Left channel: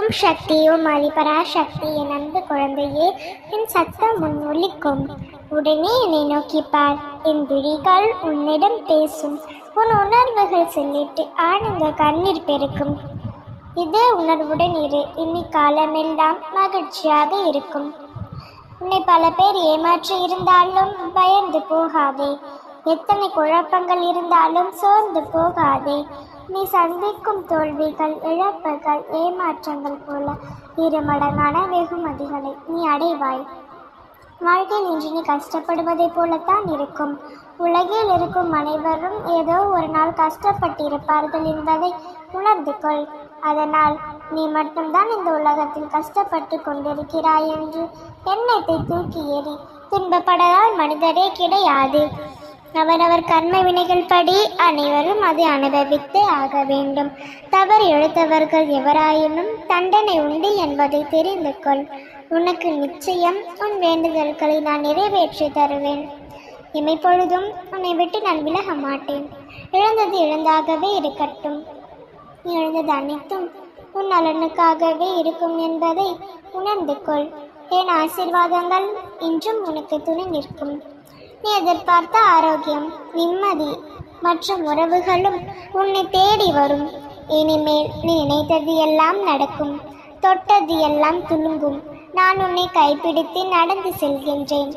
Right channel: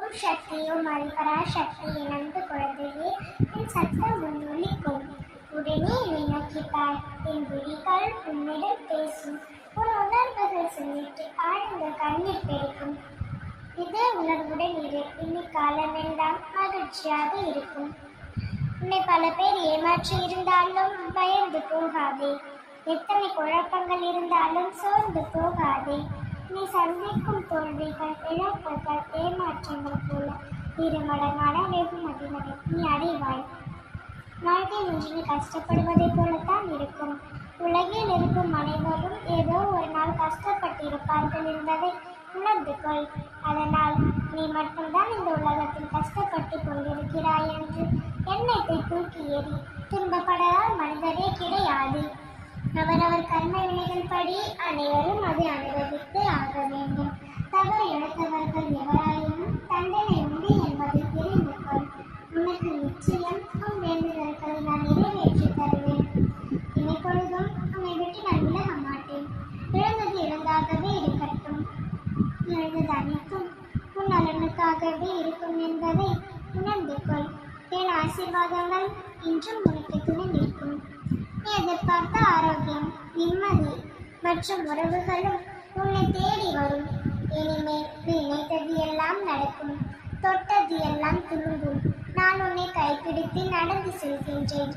உம் சக்தி ஓம் ஆதிபராசக்தி என் அன்பு குழந்தையே என் சத்தம் உன் ஒலிக்கும். உடனே என்னை நோக்கிப்பார். என் விழிகள் உன்னிடம் பேசும். உன் உணர்வுகள் சொல்லிட்டு ஆனந்த கண்ணீர் பெருக்கும். இதே உணர்வுடன் இரு. இனி காலமெல்லாம் மகிழ்ச்சியாக இருக்கும். உன்னை பல பேர் ஏமாற்றி இருந்தாலும் பயந்து போகாதே. எத்தனை குழப்பங்கள் இருந்தாலும் சோர்ந்து போகாதே. நீ சந்திக்கும் தோல்விகள் இழப்புகள் ஏமாற்றங்கள் போல இரு மடங்கான வெகுமதிகளை நீ அடைவாய். வாழ்க்கையில் இன்று நீ கஷ்டப்படுவதைப் போலத்தான் இருக்கும். உலகில் இருக்கும் அனைவரும் ஏதோ ஒரு நாள் கஷ்டப்பட்டிருப்பார்கள் என்பதை உணர்ந்து கொள் அதனால் நீ மட்டும்தான் இந்த உலகத்தில் கஷ்டப்பட்டு கொண்டிருக்கிறாய் என்று எண்ணத்தை தூக்கி எறி துன்பப்படாத மனிதரே கிடையாது. அவரவர் கர்ம வினைகள் படி அனைவரும் அதை அனுபவித்தே ஆக வேண்டும். தவறு எழுத்தவர்கள் எவராயினும் தண்டனை உண்டு என்பதை தெரிந்து கொள். உனக்கு நிச்சயம் உன் வேண்டுதல்களை நான் நிறைவேற்றி தருவேன். இமைப்பொழுதும் உன்னை விட்டு நான் விலக மாட்டேன். இழந்தது இழந்தாகவே இருக்கட்டும். இழந்தது அனைத்தும் உன் நலனுக்காகவே இருக்கும் என்பதை உணர்ந்து கொள். என் ஆசீர்வாதங்கள் இன்றும் உனக்கு துணை நிற்கும். நீ எதிர்பார்த்த ஆரோக்கியம் நிம்மதி மற்றும் உறவுகளும் உன்னை தேடி வரும். இனிமேல் நீ நினைத்தது எல்லாம் நடக்கும். தொட்டது எல்லாம் துலுங்கும் நான் உன்னை கைப்பிடித்து நடந்து செல்கின்றேன்.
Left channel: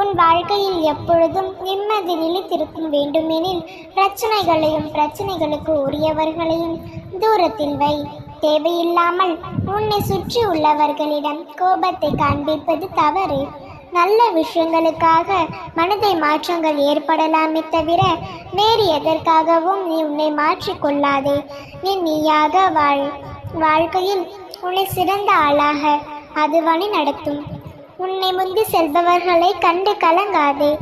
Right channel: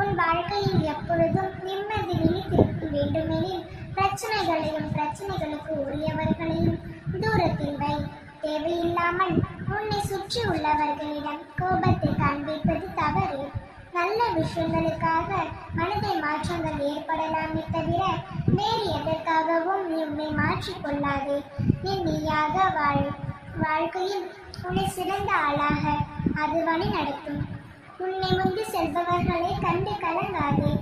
உன் வாழ்க்கையில் எப்பொழுதும் நிம்மதி நிலைத்திருக்கும் வேண்டுமெனில் பிரச்சனைகளையும் பிரச்சனைகளுக்கு உரியவர்களையும் தூரத்தில் வை. தேவையில்லாமல் உன்னை சுற்றி உள்ளவர்களிடம் கோபத்தை காண்பிப்பது தவறு. நல்ல விஷயங்களுக்காக மனதை மாற்றங்கள் ஏற்படலாமே தவிர வேறு எதற்காகவும் நீ உன்னை மாற்றிக்கொள்ளாதே நீ நீயாக வாழ் வாழ்க்கையில் உன்னை சிறந்த ஆளாக அது வழி நடத்தும். உன்னை முந்தி செல்பவர்களை கண்டு கலங்காதே.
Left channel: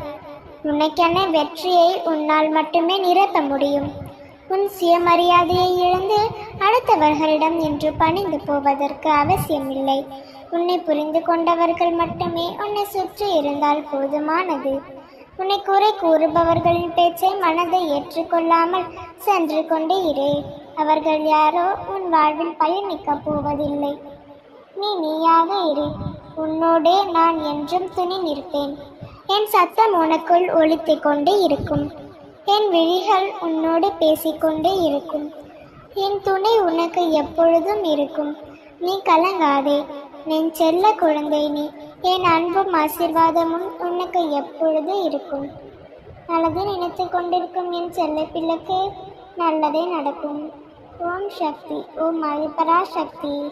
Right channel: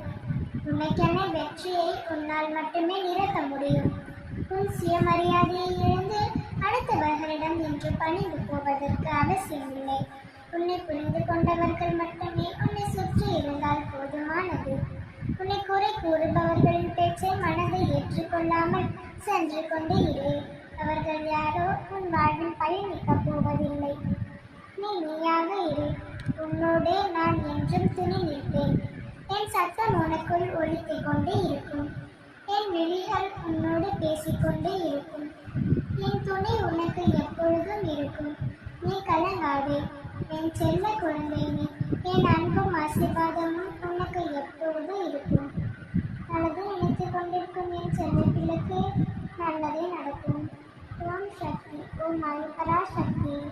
உனக்கென வெற்றியை உன்னால் மட்டுமே நிரப்ப முடியும். உன் சுயமரியாதையை இழந்து அடுத்தவர்களிடம் என்று பணிந்து போவதற்கு அவசியமில்லை. உன்னை புரிந்து கொண்டவர்கள் மட்டுமே உன்னை சுற்றி இருந்தால் போதுமானது. உன்னை குறை கூறுபவர்களின் பேச்சை மனதை ஏற்றுக்கொள்ளாமல் சென்று கொண்டே இரு. அவர்கள் யாரோ உன் வாழ்வில் பயணிக்கப் போவதில்லை. நீ நீயாக இரு. உன்னோடே நான் என்றும் துணி நிற்பேன். என் சத்தம் உனக்குள் ஒலித்துக் கொண்டே இருக்கும். என் விழிகள் உன்னோடு பேசிக்கொண்டே இருக்கும். என் துணை உனக்கு எப்பொழுதும் இருக்கும். நீ கலங்காதே. என் செல்ல குழந்தை நீ என் அன்பும் ஆசீர்வாதமும் உனக்கு எப்பொழுது இருக்கும்? நல்லது நினைத்து கொண்டிருக்கும் என் செல்ல பிள்ளைக்கு நல்லதே நடக்கும். ஓம் சக்தி ஓம் அதிபரா சக்தி.